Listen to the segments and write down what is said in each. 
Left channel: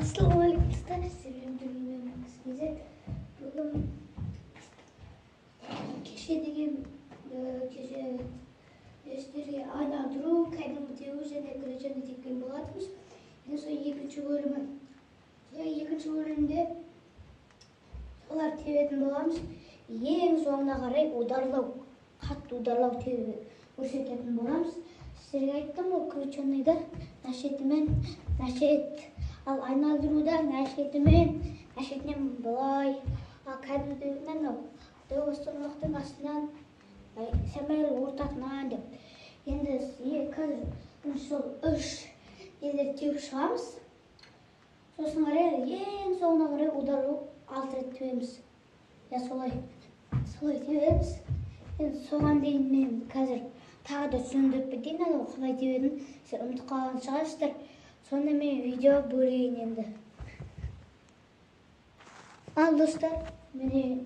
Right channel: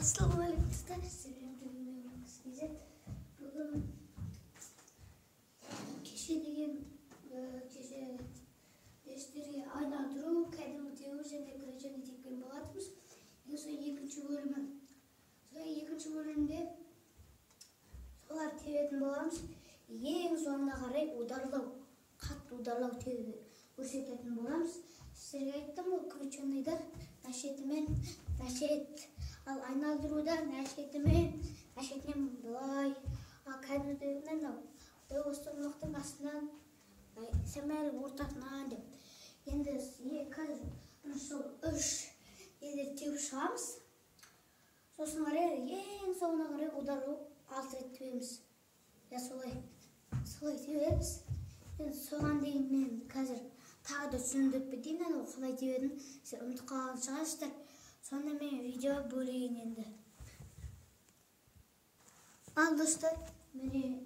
Assalamualaikum dostlar. Sizlerle bilmemiz güzel. Bugün kеше dersтерге айналдыру, кәдімгі теория және гречаны тепкен болатынбыз. Енді сол екінші бөлімі. Сол екінші бөлімде солар тебетін боламыз. Ең соңына қарай ударлау, қатты ударлау көрсететін боламыз. Сіздерге айттым ғой, крученыйда нашетімен нашет, ал айналдыруда нашетінен былай, ал кәдімгіден бастырмақтың астынан сәмәл ортасынан деп. Енді қазір сол үш елдер теуіп шығамыз. Сосын қарай ең соңына қарай ударлау 6 рет тебеміз. Солай тебеміз. Енді соған дейін мен қазір тағы да түсіндіріп кетейін, қалай тебетінін сіздер ұмытып қалған шығарсыздар. Сонда мен видео бөлейін енді. Ал достар, міне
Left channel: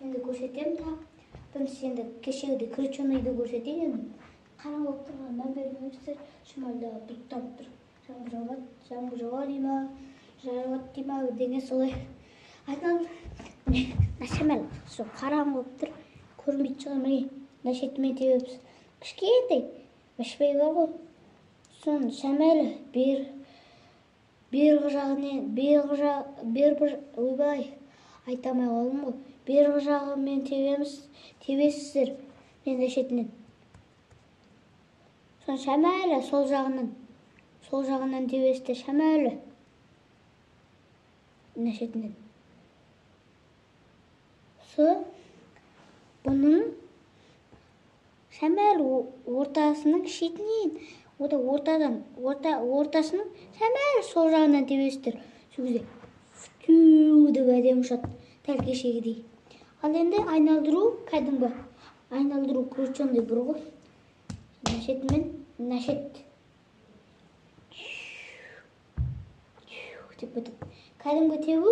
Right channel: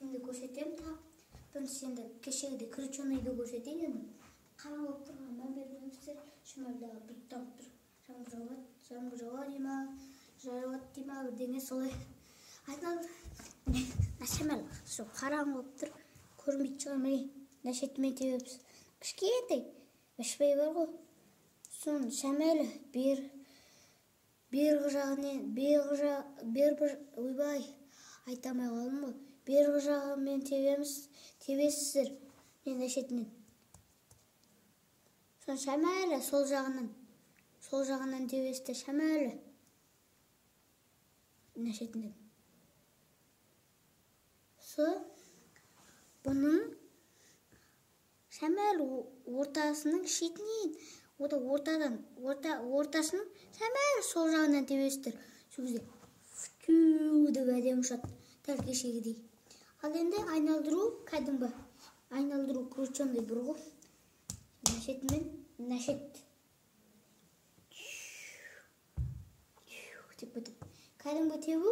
енді көрсетемін да. Бірінші енді кешегіде крученыйды көрсетейін енді. Қараңғы болып тұрғаннан бермеңіздер. Шымалдағы дұрттап тұр. Жаңбыр жауа дей ма, жауат дей ма, өдеңе солай. Айтам, нашамал, сол қараңғы болып тұр. Көрмейді шығар, міне, нашетімен тебеміз. Кішкентай, бішпей бар ғой. Соны шамалы бергі жағымен, ойбай, айтамай қалдым ғой. Бергі жағымен тебесіздер, мен нашетінен. Соны шамалы, сол жағынан тебесіздер, шамалы, нашетінен. Бұның шамалы ортасының шетінен, ортасының шамалы сол жағынан тебесіздер. Сол кезде деп әдемі ұшады, дәл кешегідей. Ал енді айналдыру кәдімгі. Айналдыру крученый бір ғой. Нашетімен нашет. Деп өтіп. Кәдімгі тебу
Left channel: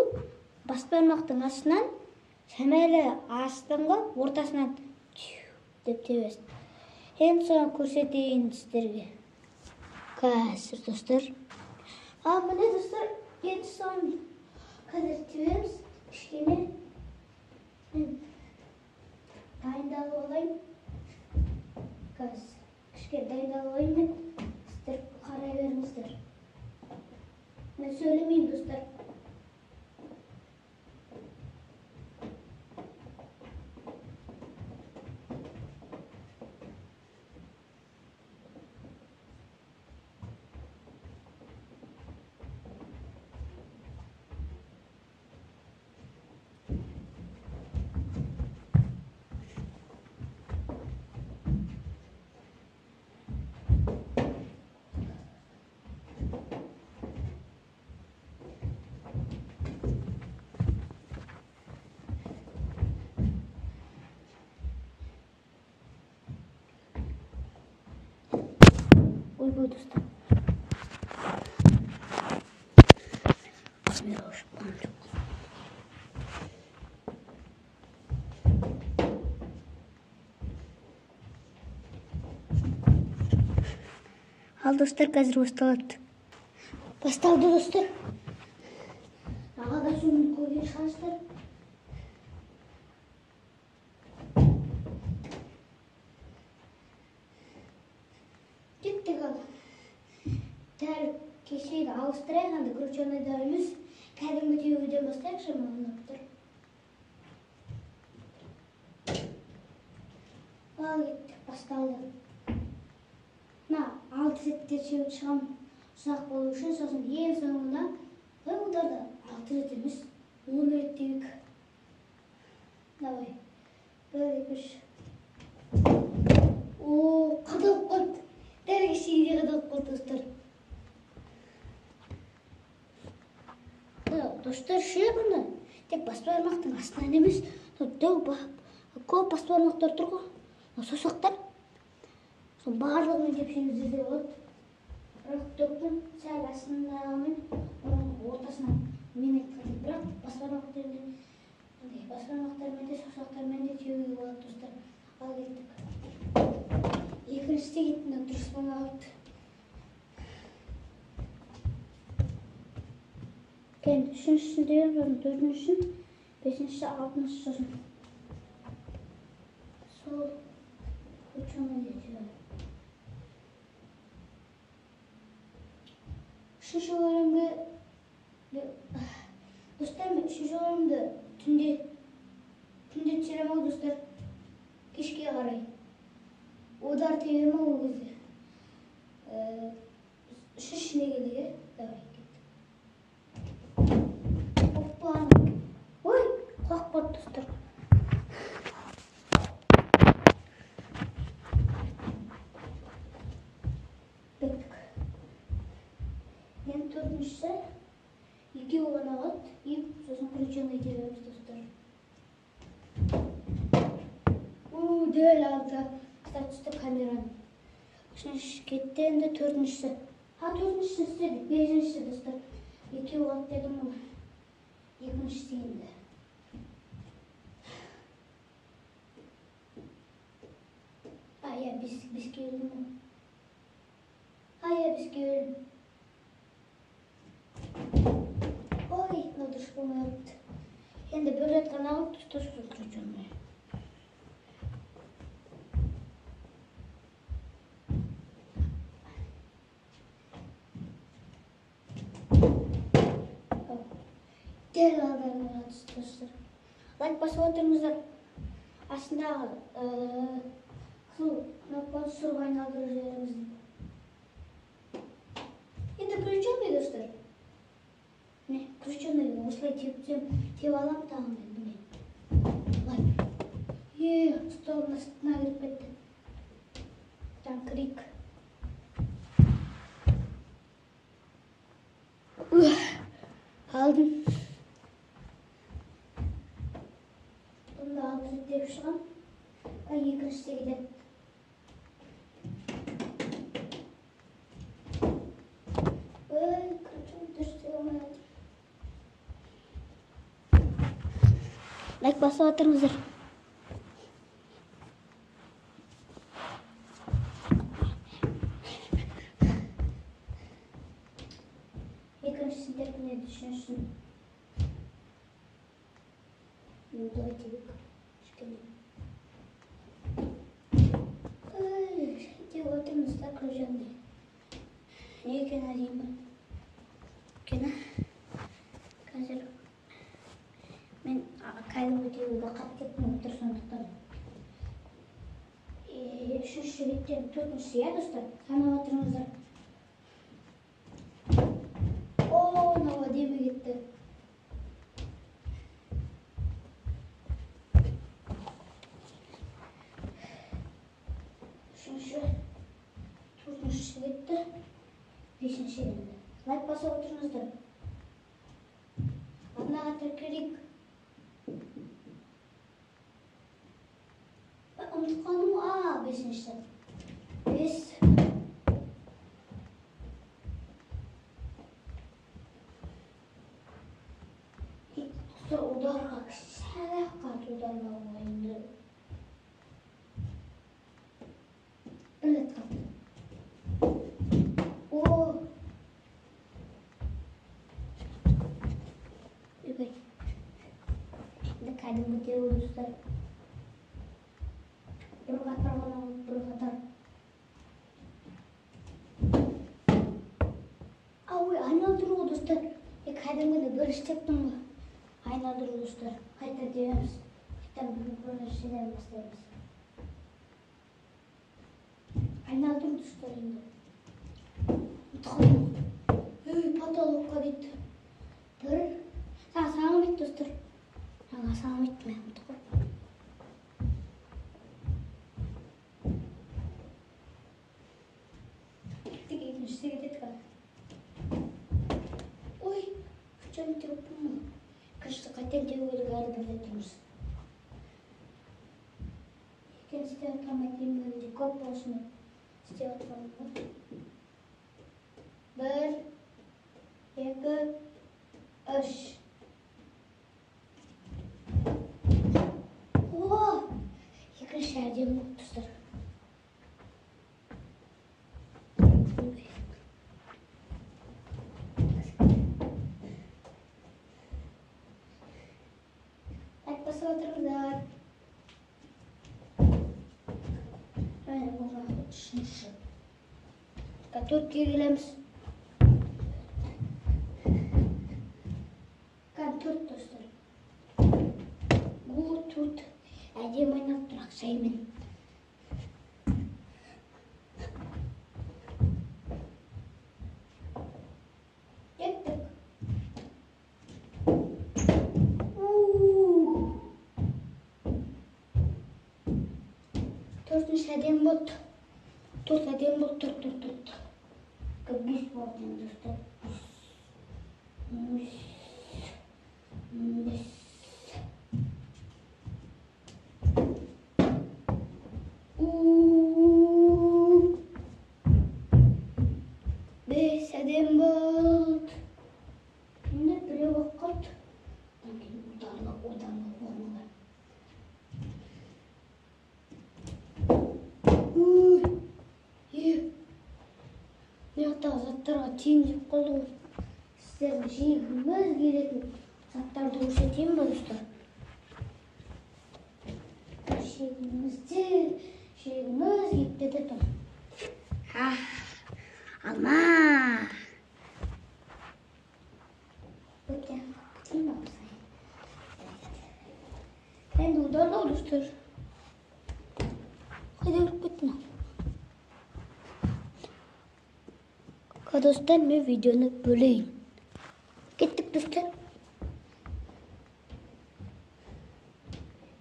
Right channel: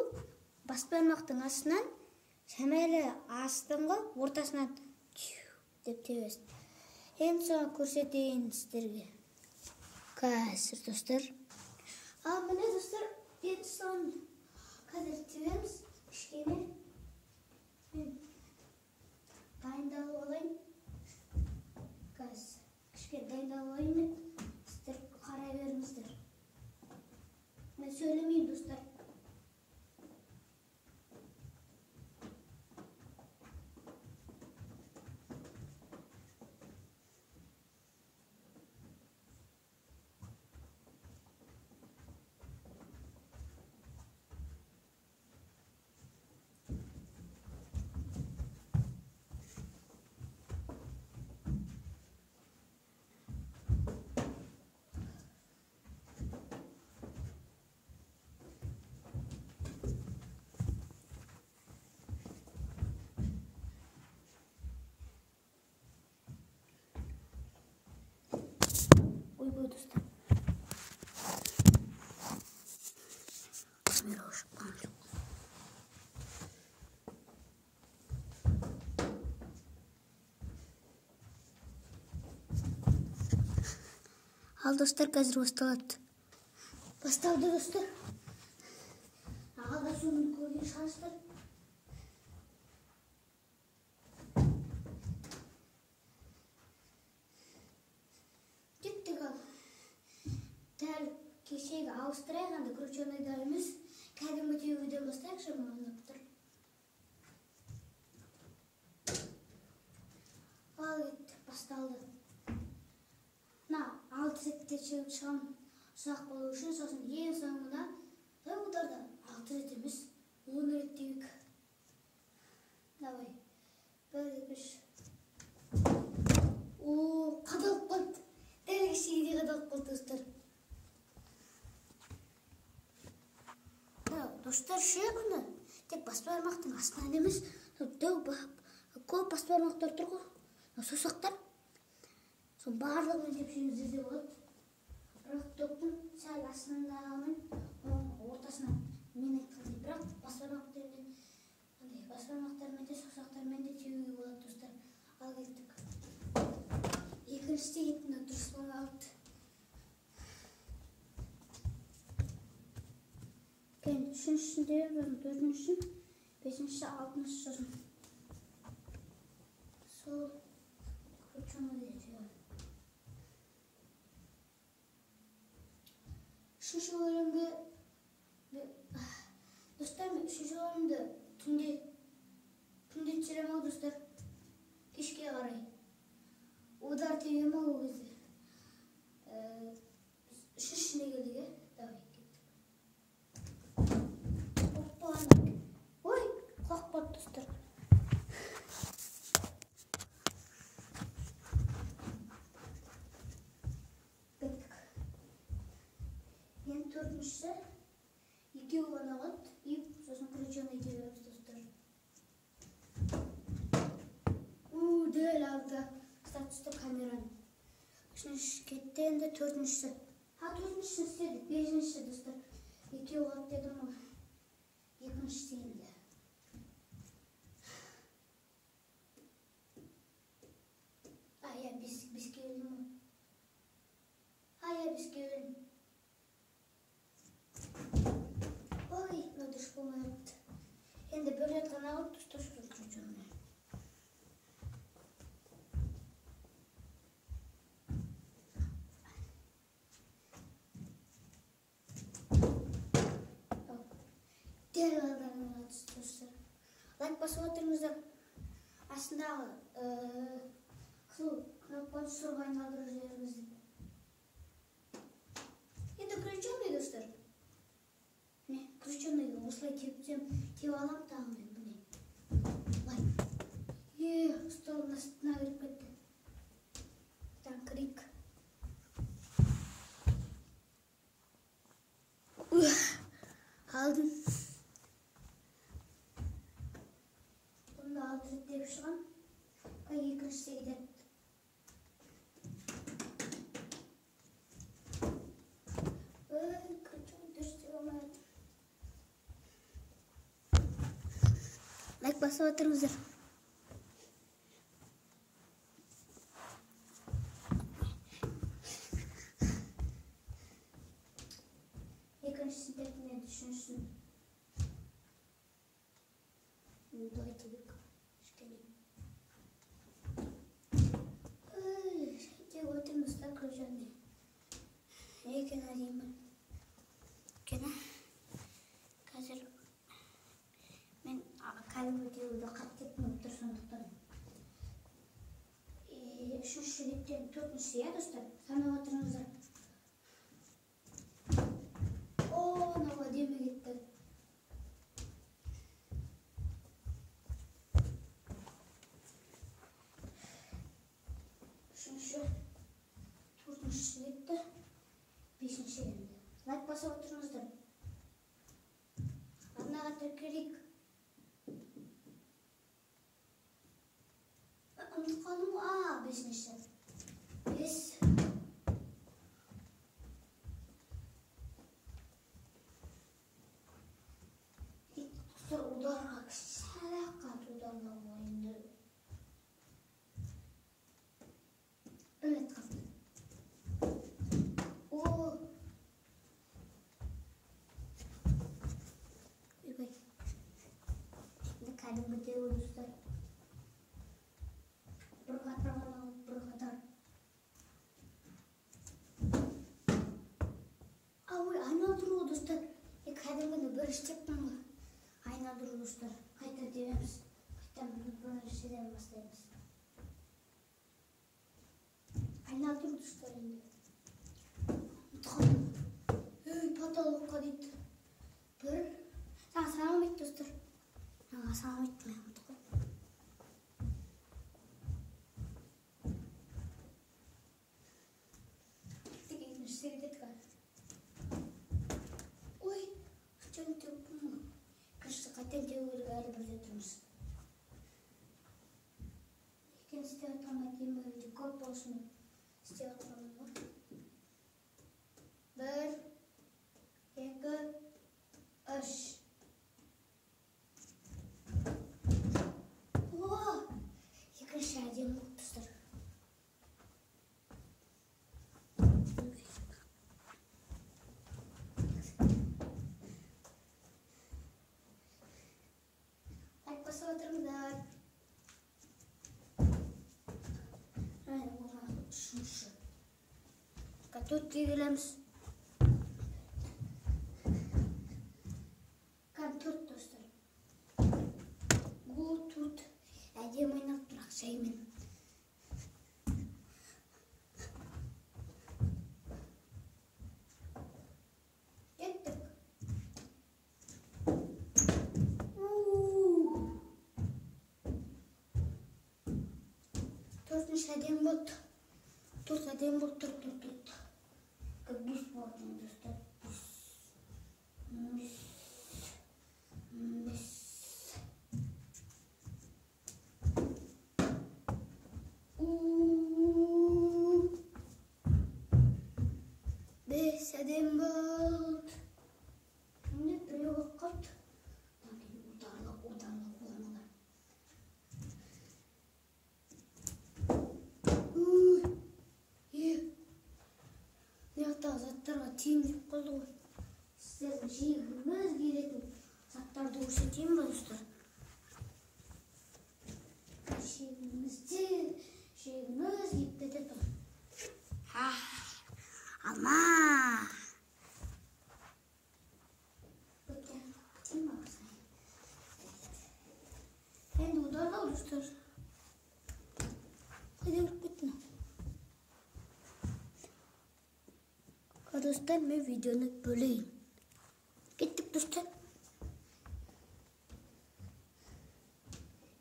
бас бармақтың астынан, шамалы астыңғы ортасынан деп тебесіз. Енді соны көрсетейін сіздерге. Қазір достар. Міне достар, енді соны қазір тебеміз. Кішкене мен дайындалып алайын. Кішкене дайындалып алайын мен. Сіздер қарай беріңіздер. Мен сөйлемеймін достар. Ойбой достар. Камера ұшқан жоқ. Ал достар, қазір басталады. Басталды достар. Ағада соны көрген шығарсыздар. Дәл кешегі ауыстырайық, анда крученыйда емес, кәдімгі тебуден бастайықшы, мағынаттыр. Ал кеттік, басталды. 6 реттер тебіп шығам, ұзақ болу үшін, сосын ең соңына ұдарда 6 рет емес, 10 рет тебік. Давай, 1, 2, 3. Қадалып қалды. Дәл кешегіде қадалып қалды достар. Достар, шеғыны тек бас бармақтың астынан емес, көп бас бармақтар тұр ғой, саусақтар. Сол барлығын тепсеңіздер де болады. Бірақ топтың сәл астындағымен, оның ортасынан мен айтқандай, бірақ бас бармақтармен де саусақтармен де тебуге болады достар. Ал кеттік. Екіншісі де кеттің, дұрыс болмай қалды. Kendi üçüncüsünü diyorum, dördüncüsün, beşincisi, altıncısı sözüm. Sol uçuna geçiyor. Üçüncü bölümde dostlar, üçüncü bölümde tünde çirema dostlar işe yaray. Odar tevime oldu. Şiş ne geliyor? Давай. Hoppa. Oy, kalk bak dostlar. Bekle. Yani dördüncüsü iki olana at. İyi, sosun kuruşunu geçiriyoruz dostlar. Değil aldı. Statüste kameranın. Şimdi şirkette dördüncüsü. Ha dördüncüsü istedik. Beşincisi dostlar. İki watt dedim ama. Yakıncısı değildi. Hayır biz gördüm mü? Hayır biz gördüm. Oy ne duş bunu yaptı. Şimdi böyle kanalı tutuş tutacağım. Gel adamlar dostlar. Like basıldığımızda aslında knopları survival üzerimiz. Şimdi kıracağım ya dostlar. Ne? Kıracağım ya. Oslayı tip alam tamam dedim. Like. Yeah, stolun üstüne girip etti. Tam kırık. Aldım. Bunu da aldım diye şu an. Ben yakınışta gidelim. Like basıp atırızdır. Yakınışta ne düşünürsün? Давайте вот так круженный. Не кинолима. Кина. Казер. Мен кайда өтеуді қаттеп отыр сондықтан. Үшінші беттен төртіншісі, иә достар? Санап отырыңыздар. О, мынау әдемі кетті. Төртіншісі кетті. Бесінші енді. Лайк басып отырыңыздар. Однаға тіркелейік. Ұмытып қалдым ғой. Бесіншісі. Бес. Ударға сәлақ қат ударға ойынды. Білет қат. Kaydı dostlar. Bir kadar. Ay aynadır dostlar. Kaydımı bölüşecektim mi? Aynadır dostlar. Kayda diyoruz. İşte böyle şeyler başlayalım. Aynadır dostlar şimdi. Tıkalım. Patalık'a gitti. Dur. Sana bit dostlar. Sana bitme. Ой, canım telefonu mu? Kaçtı katen diyordu galiba durmuş. İkinci de otomatik böyle kop olsun. İşte otomatik. Bir, iki, üç. Oh, yakın şehirde dostlar. Üçüncü. Dört'e gelemiz. Dört dostlar. Bu tut. Әдем айнап тұрақ шаймен. Кеттік. Төртінші әдем болды. Төрт әдем болды. Төрт. Бес болды достар. Бес. Бес әдем болды. Şimdi біреу оқырт. Одан орнылар. Мияқтағы заттарға тиімдеп қалды ғой. Сіздердің жегіңіз келетін заттарды көрсетейін ба достар? Жегіңіз кетті тұр. Алма. Бөткен қапытайын ба қысай? Енді ұдарлау достар. Қайда көріп кеттің? Достар, мен видеоны бөлейін. Кеттік достар.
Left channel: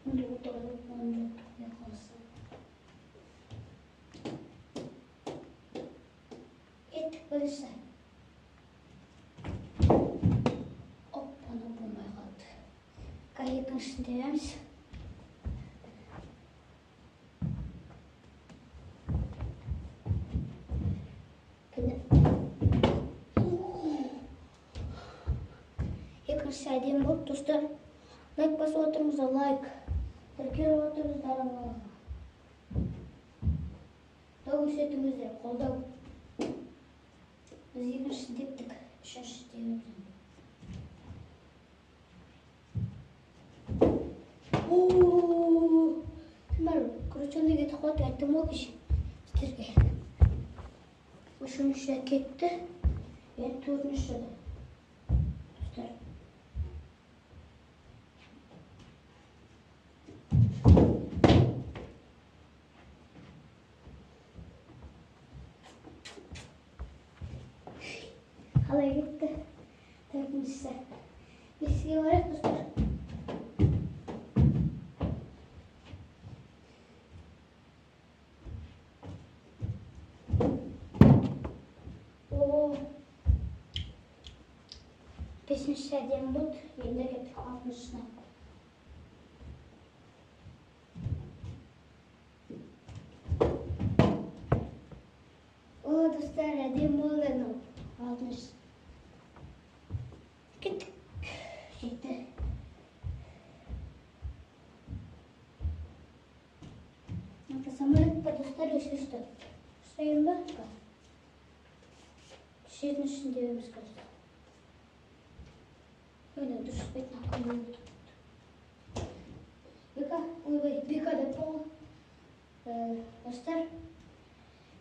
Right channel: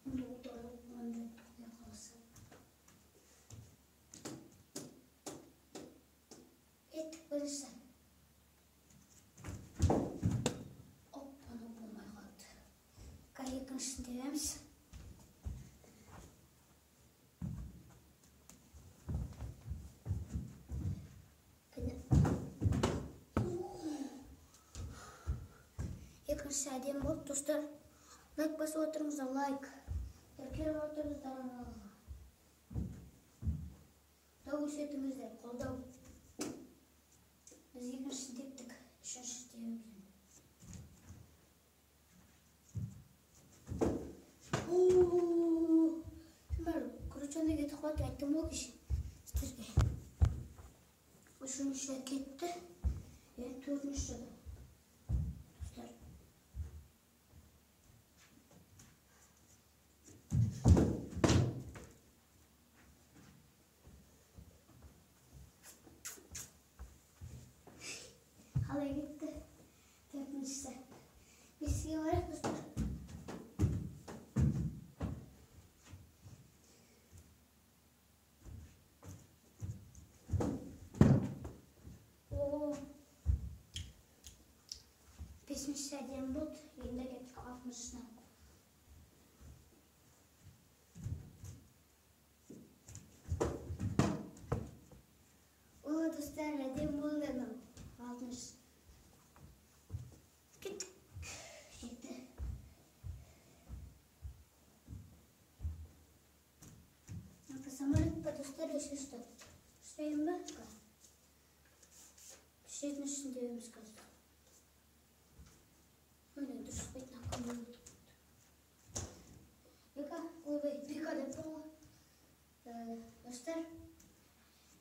Енді ұдарлау болған жоқ қалса. Кеттік бірісі. Оппаны болмай қалды. Екіншісін тереміз. Екінші әдем болды достар. Лайк басып отырыңыздар, лайк. Тіркеліп отырыңыздар. Көрсетіңіздер, қолдау. Біз екіншісін тептік, үшіншісін тебеміз. Крученый кетіп қалды, әттім ол кешін сіздерге. Үшінші кетті, төртінші достар. Қалай кетті, төртіншісі. Беске барайық достар. Бесінші әдем болды, енді кеттік алтыншысына. Достар, әдем болды алтыншысы. Кеттік. Жетті. Самолет па достар, үшінші. Ұстайын ба? Жетіншісін демеміз қазір. Öyle dur, bekle koyalım. Beka da bu dostlar.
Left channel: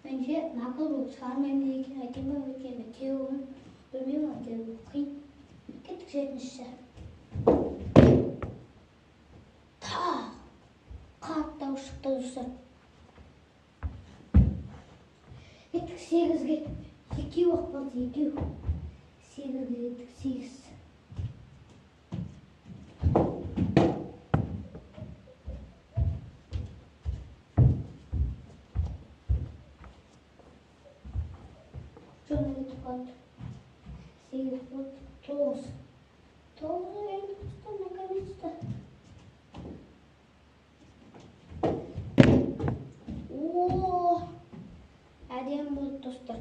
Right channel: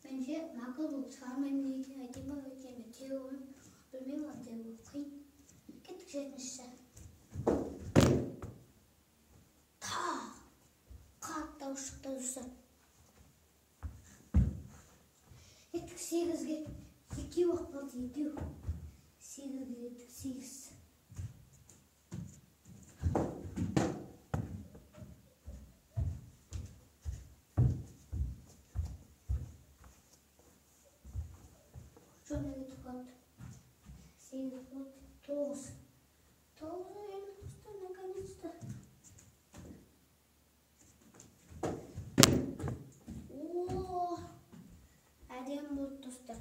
Bence nakıl bu sarmayımdaki ayetime ve kendi teoğunu bilmiyorum ama teoğunu okuyun. Gittik жетіншісі. Қатты шықты достар. Геттік 8-ге. 2 уақыт болды, 2. 8-ге геттік, 8. Şöyle gidip kaldı. 8 oldu, 9. 9'a geldik usta, ne kadar. Ooo. Әдем болды достар.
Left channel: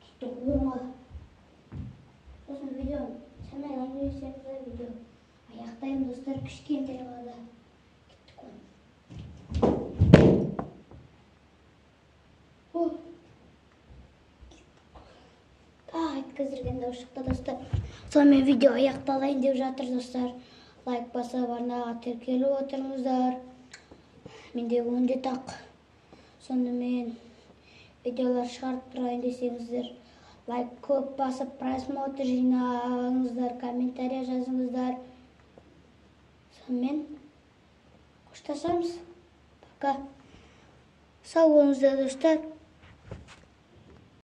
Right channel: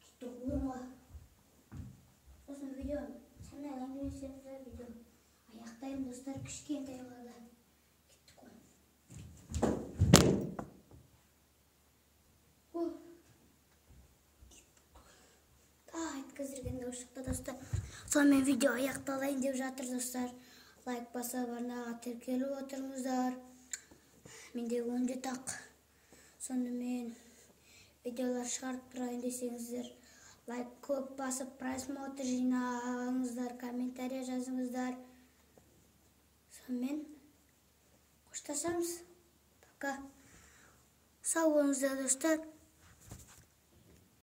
Tuttuk 10'a. Сосын видео, сәмен әңгімесімізді видео. Аяқтаймын достар, кішкентай қалада. Кеттік оны. Айткіздірген дау шықты достар. Сонымен видео аяқталайын деп жатыр достар. Лайк басып, арнаға тіркеліп отырыңыздар. Менде 17 ақ. Сонымен видеолар шығарып тұрайын десеңіздер, лайк көп басып, просмотр жинаңыздар, комментария жазыңыздар. Сонымен қоштасамыз. Пока. Сау болыңыздар достар.